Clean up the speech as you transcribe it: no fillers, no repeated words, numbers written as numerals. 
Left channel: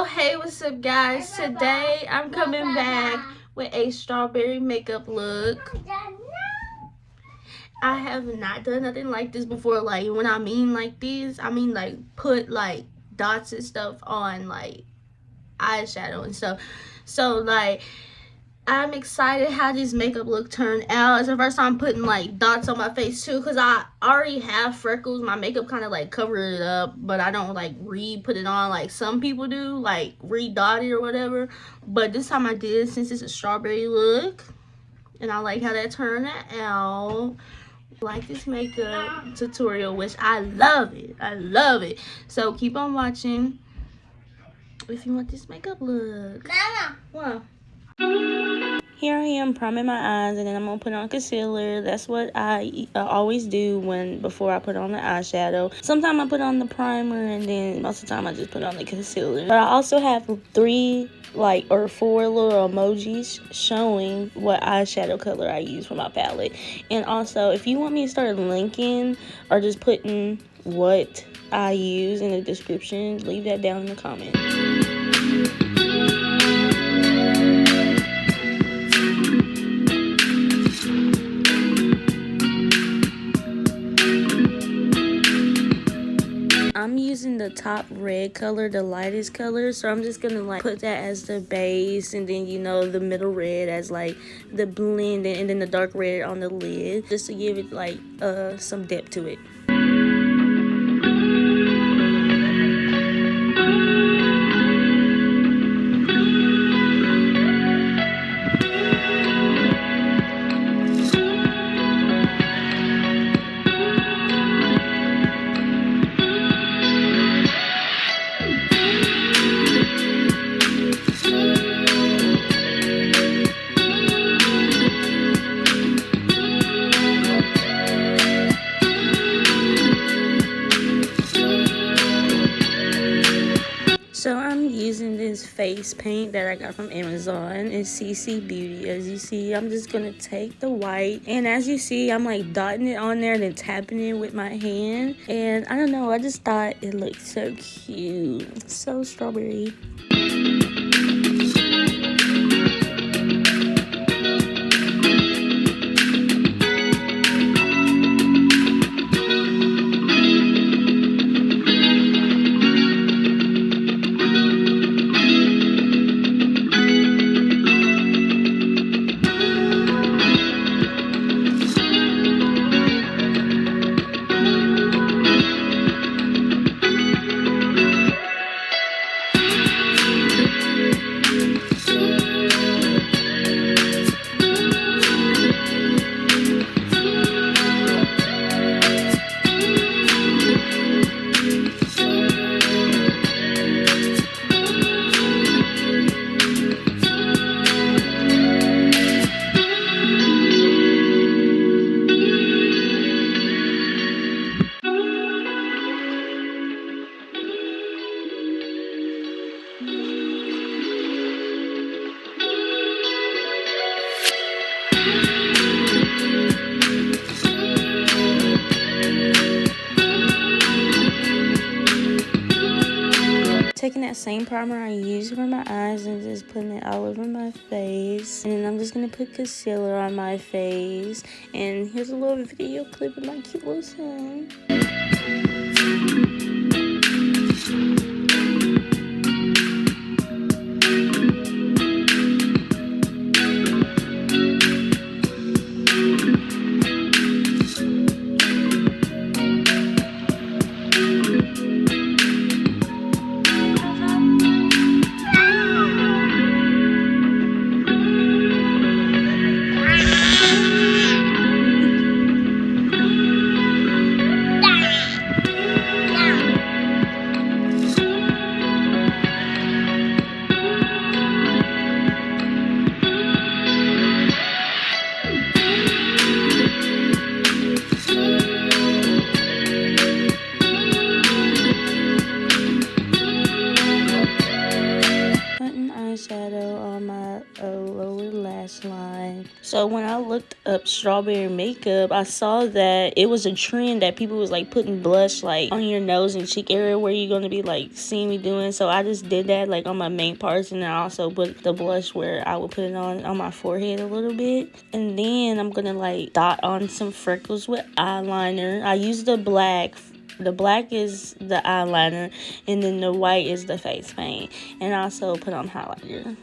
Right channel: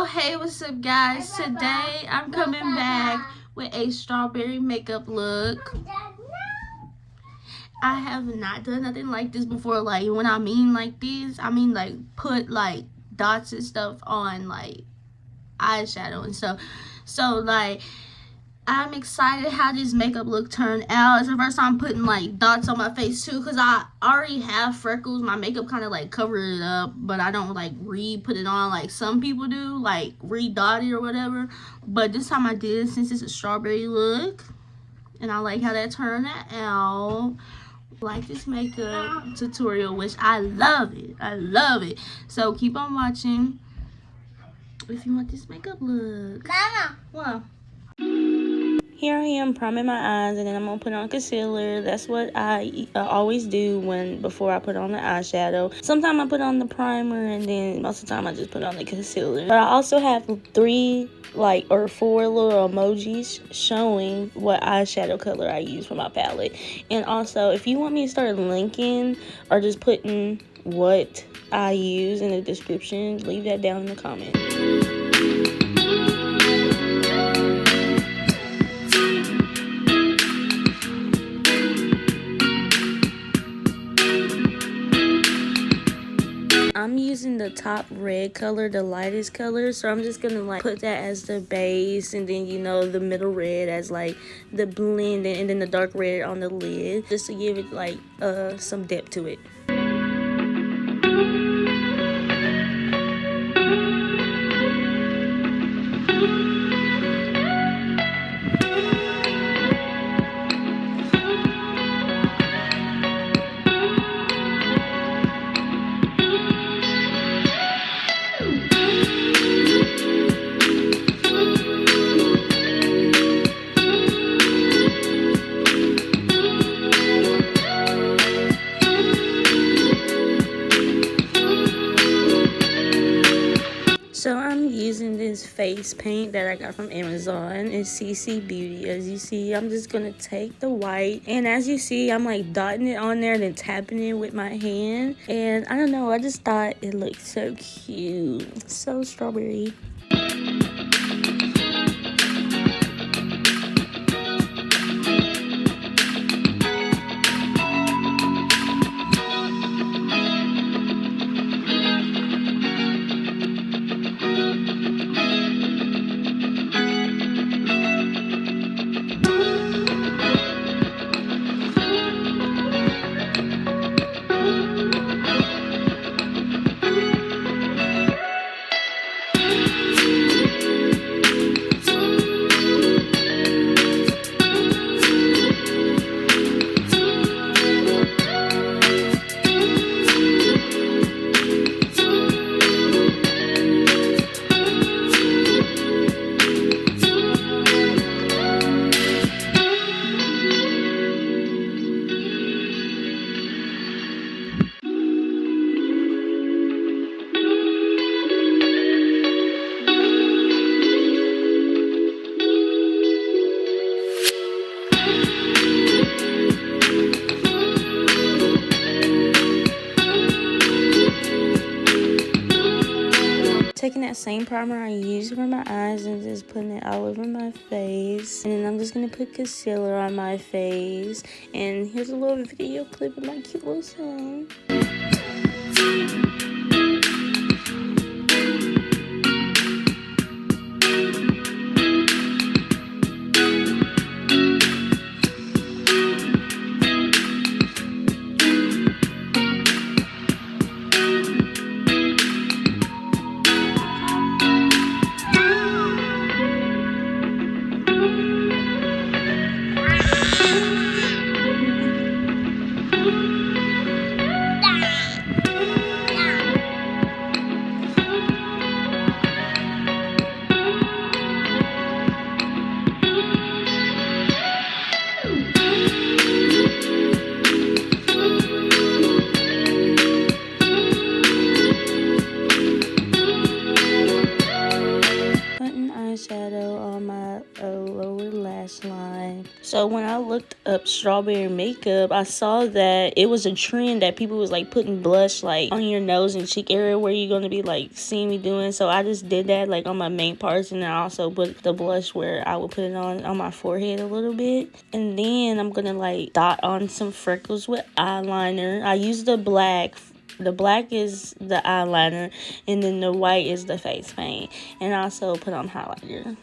So hey, what's up guys? Today I'm coming back with a strawberry makeup look. I have not done nothing like this before. Like when I mean like this, I mean like put like dots and stuff on like eyeshadow and stuff. So like I'm excited how this makeup look turned out. It's the first time putting like dots on my face too, because I already have freckles. My makeup kind of like covered it up, but I don't like re-put it on like some people do, like re-dot it or whatever. But this time I did, since it's a strawberry look, and I like how that turned out. Like this makeup tutorial, which I love it. I love it. So keep on watching if you want this makeup look. Mama. Wow. Here I am priming my eyes, and then I'm gonna put on concealer. That's what I always do before I put on the eyeshadow. Sometimes I put on the primer, and then most of the time I just put on the concealer. But I also have 3 or 4 little emojis showing what eyeshadow color I use for my palette. And also, if you want me to start linking or just putting what I use in the description, leave that down in the comments. I'm using the top red color, the lightest color, so I'm just gonna like put that as the base, and then the middle red as like the blend, and then the dark red on the lid, just to give it like some depth to it. So I'm using this face paint that I got from Amazon. It's CC Beauty. As you see, I'm just going to take the white. And as you see, I'm like dotting it on there and then tapping it with my hand. And I don't know, I just thought it looked so cute. So strawberry. Taking that same primer I used for my eyes and just putting it all over my face. And then I'm just going to put concealer on my face. And here's a little video clip of my cute little son. So when I looked up strawberry makeup, I saw that it was a trend that people was like putting blush like on your nose and cheek area where you're gonna be like seeing me doing. So I just did that like on my main parts, and I also put the blush where I would put it on my forehead a little bit. And then I'm gonna like dot on some freckles with eyeliner. I use the black. The black is the eyeliner, and then the white is the face paint. And I also put on highlighter.